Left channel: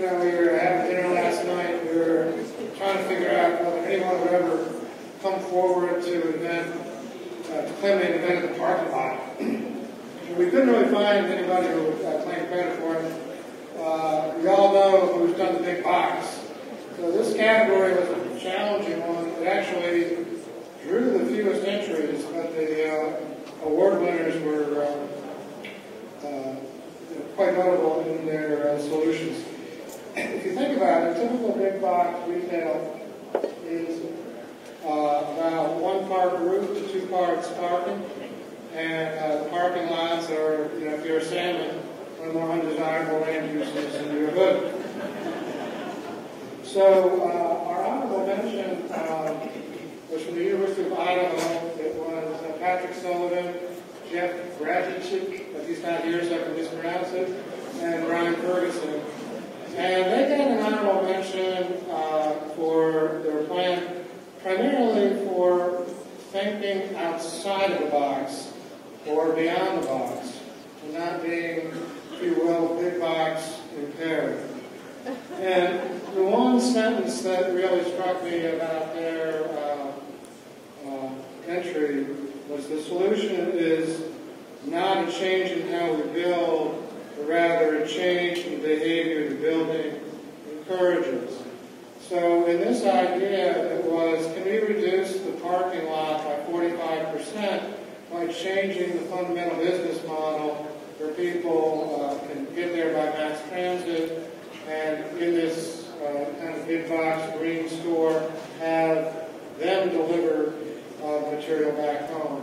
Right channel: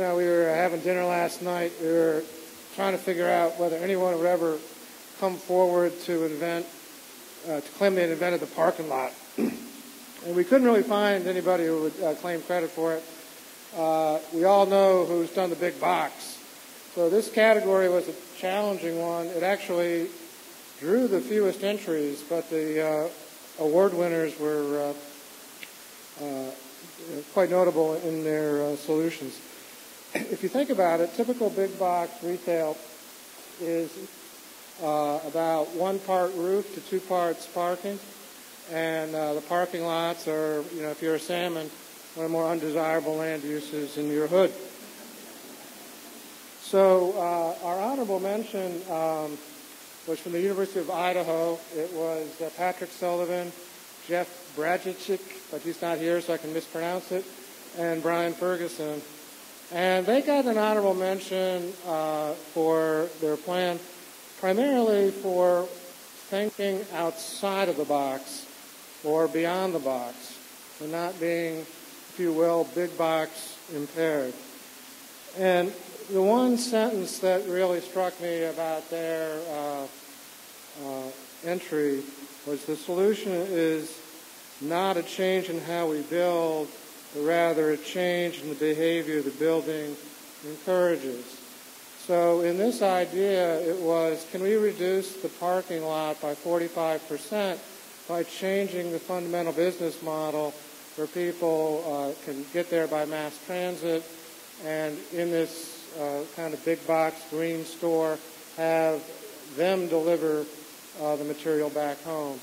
we were having dinner last night. We were trying to figure out whether anyone would ever come forward to claim they invented the parking lot. And we couldn't really find anybody who would claim credit for it. We all know who's done the big box. So this category was a challenging one. It actually drew the fewest entries, but the award winners were quite notable in their solutions. If you think about it, typical big box retail is about 1 part roof to 2 parts parking. And parking lots are, if you're a salmon, one of the more undesirable land uses in your hood. So our honorable mention was from the University of Idaho. It was Patrick Sullivan, Jeff Bradjic, but he's not here so I can mispronounce it, and Brian Ferguson. And they got an honorable mention for their plan primarily for thinking outside of the box or beyond the box, and not being, if you will, big box impaired. And the one sentence that really struck me about their entry was the solution is not a change in how we build, but rather a change in the behavior the building encourages. So in this idea, it was, can we reduce the parking lot by 45% by changing the fundamental business model where people can get there by mass transit, and in this kind of big box green store, have them deliver the material back home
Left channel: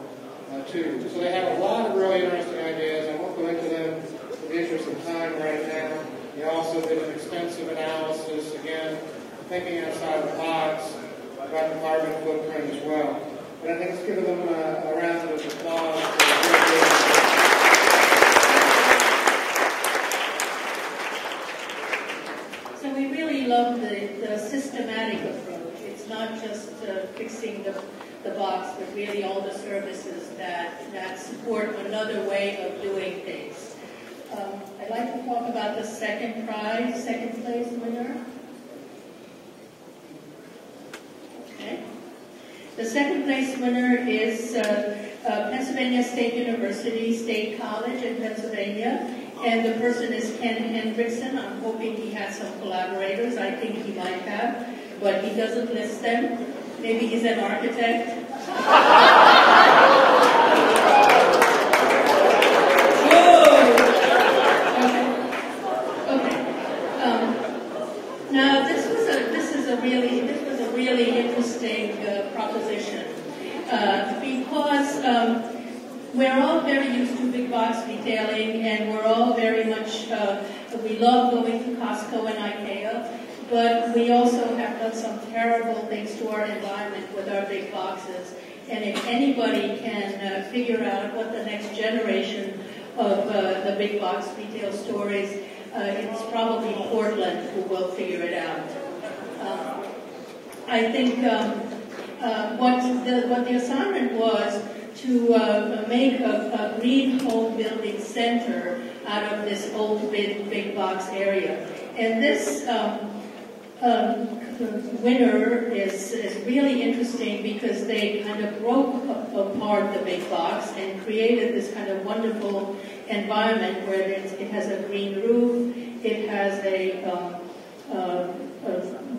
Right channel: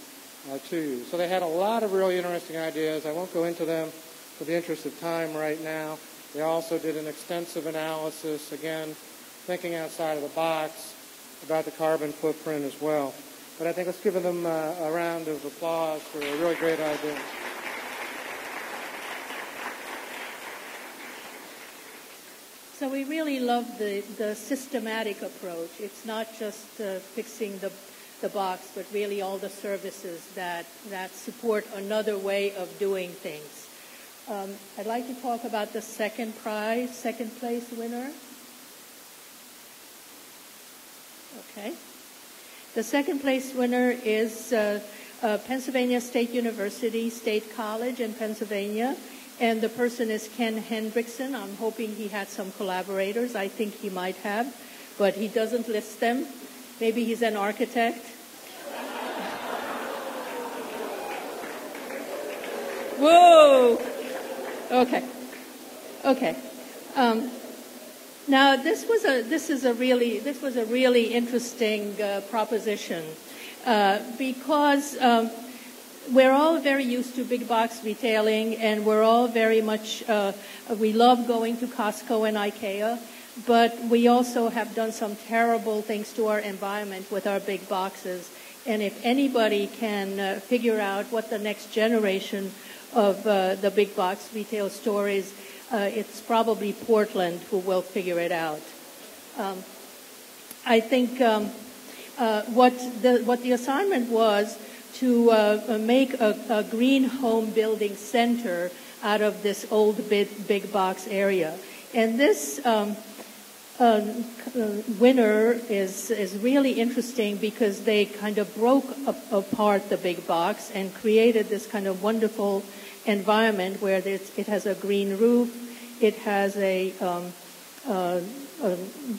to you. So they had a lot of really interesting ideas. I won't go into them for the interest of time right now. They also did an extensive analysis, again, thinking outside the box about the carbon footprint as well. But I think let's give them a round of applause. So we really love the systematic approach. It's not just fixing the box, but really all the services that support another way of doing things. I'd like to talk about the second place winner. Okay. The second place winner is Pennsylvania State University, State College in Pennsylvania. And the person is Ken Hendrickson. I'm hoping he had some collaborators. I think he might have, but he doesn't list them. Maybe he's an architect. Whoa! Okay. Now this was a really interesting proposition because. We're all very used to big box retailing, and we're all very much, we love going to Costco and IKEA, but we also have done some terrible things to our environment with our big boxes. And if anybody can figure out what the next generation of the big box retail store is, it's probably Portland who will figure it out. I think what the assignment was to make a green home building center out of this old big box area. And this winner is really interesting because they kind of broke apart the big box and created this kind of wonderful environment where it has a green roof, it has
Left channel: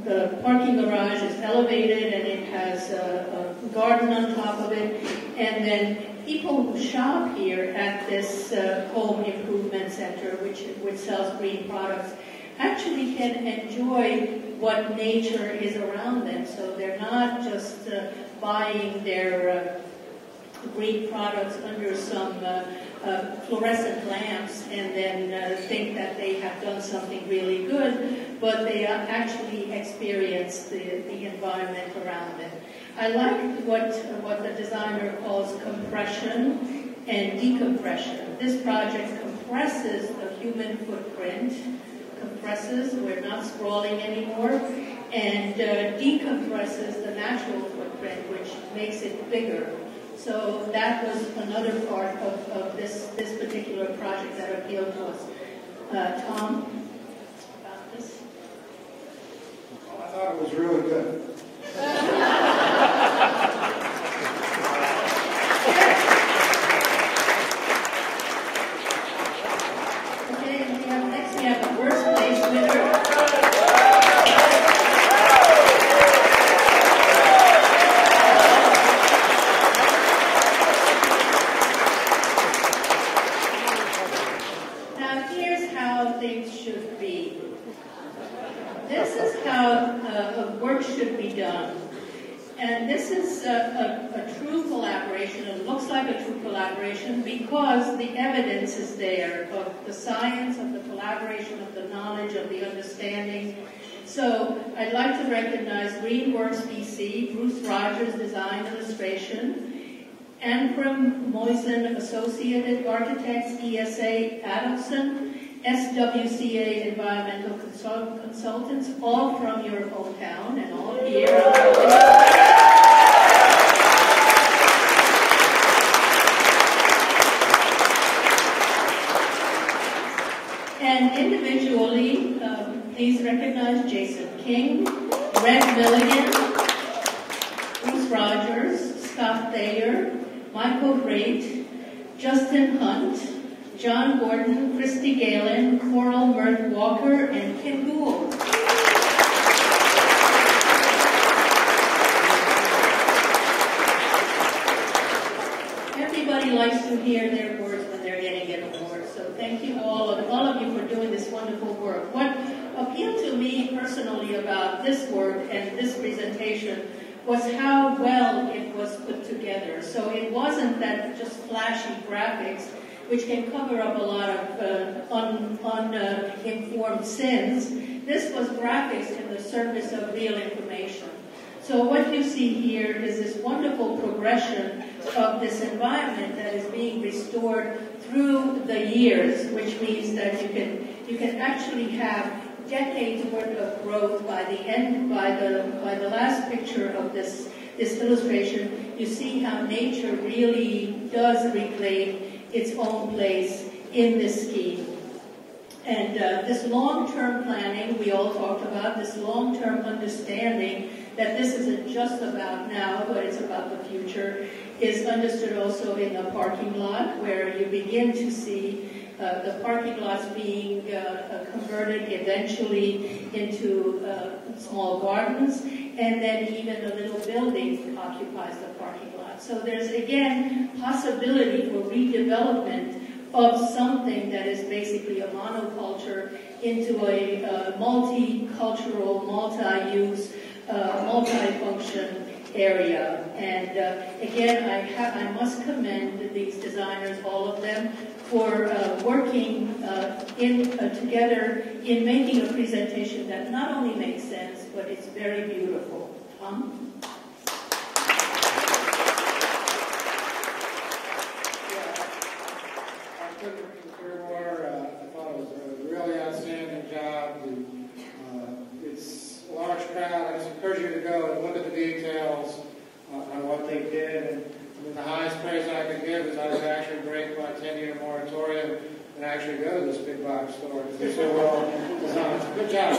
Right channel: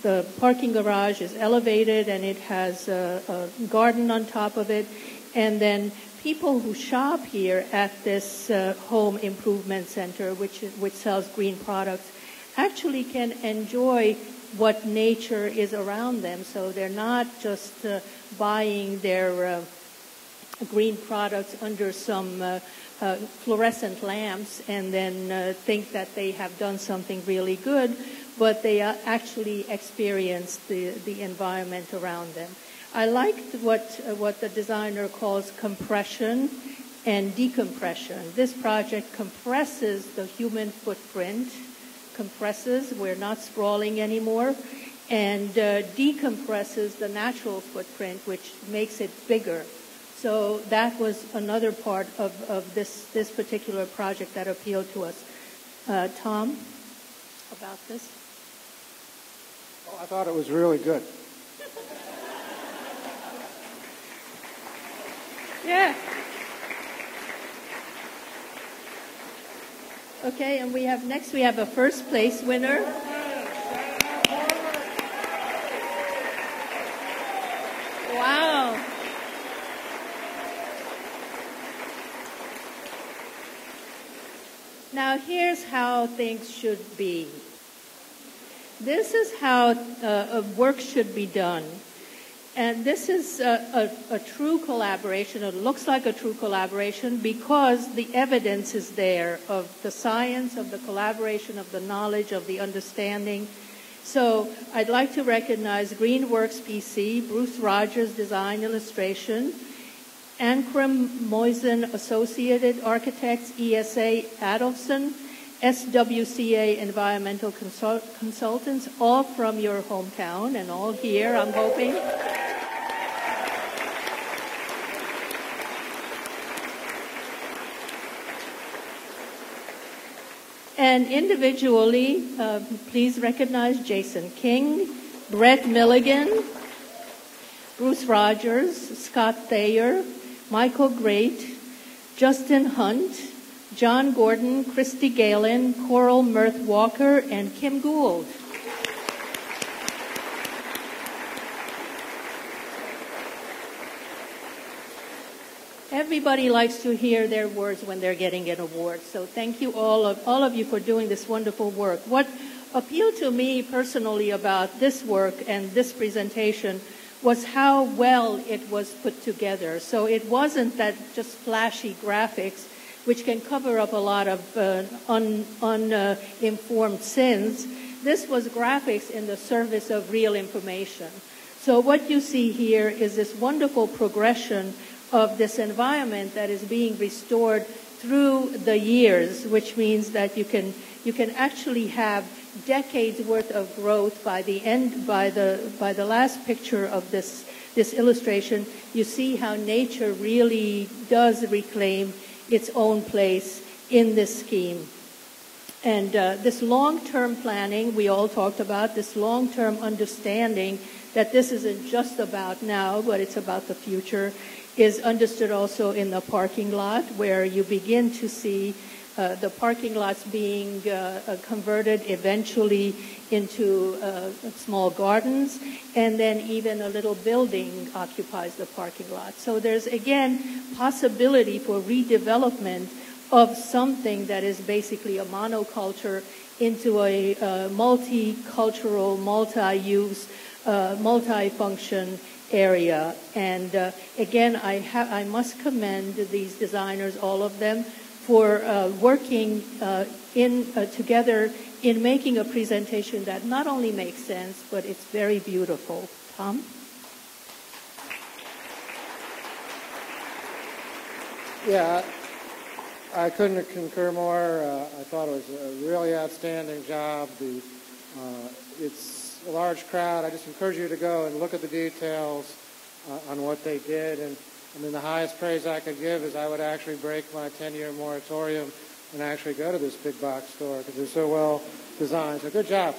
the parking garage is elevated and it has a garden on top of it. And then people who shop here at this home improvement center, which sells green products, actually can enjoy what nature is around them. So they're not just buying their green products under some fluorescent lamps and then think that they have done something really good, but they actually experience the environment around them. I liked what the designer calls compression and decompression. This project compresses the human footprint, we're not sprawling anymore, and decompresses the natural footprint, which makes it bigger. So that was another part of this particular project that appealed to us. Tom, about this? thought it was really good. Okay, next we have a first place winner. Now here's how things should be. This is how work should be done. And this is a true collaboration. It looks like a true collaboration because the evidence is there of the science, of the collaboration, of the knowledge, of the understanding. So I'd like to recognize Greenworks PC, Bruce Rogers Design Illustration, Ancram Moisen Associated Architects, ESA Adelson, SWCA Environmental Consultants, all from your hometown and all here on the video. And individually, please recognize Jason King, Brett Milligan, Bruce Rogers, Scott Thayer, Michael Great, Justin Hunt, John Gordon, Christy Galen, Coral Mirth Walker, and Kim Gould. Everybody likes to hear their words when they're getting an award, so thank you all of you for doing this wonderful work. What appealed to me personally about this work and this presentation was how well it was put together. So it wasn't that just flashy graphics, which can cover up a lot of uninformed sins. This was graphics in the service of real information. So what you see here is this wonderful progression of this environment that is being restored through the years, which means that you can actually have decades worth of growth by the end, by the last picture of this illustration. You see how nature really does reclaim its own place in this scheme. And this long-term planning, we all talked about, this long-term understanding that this isn't just about now, but it's about the future, is understood also in the parking lot, where you begin to see the parking lots being converted eventually into small gardens, and then even a little building occupies the parking lot. So there's, again, possibility for redevelopment of something that is basically a monoculture into a multicultural, multi-use, multi-function area. And again, I must commend these designers, all of them, for working together in making a presentation that not only makes sense, but it's very beautiful. Tom? Yeah, I couldn't concur more. I thought it was a really outstanding job. It's a large crowd. I just encourage you to go and look at the details on what they did. And then the highest praise I could give is I would actually break my 10-year moratorium and actually go to this big box store because they're so well designed. So good job.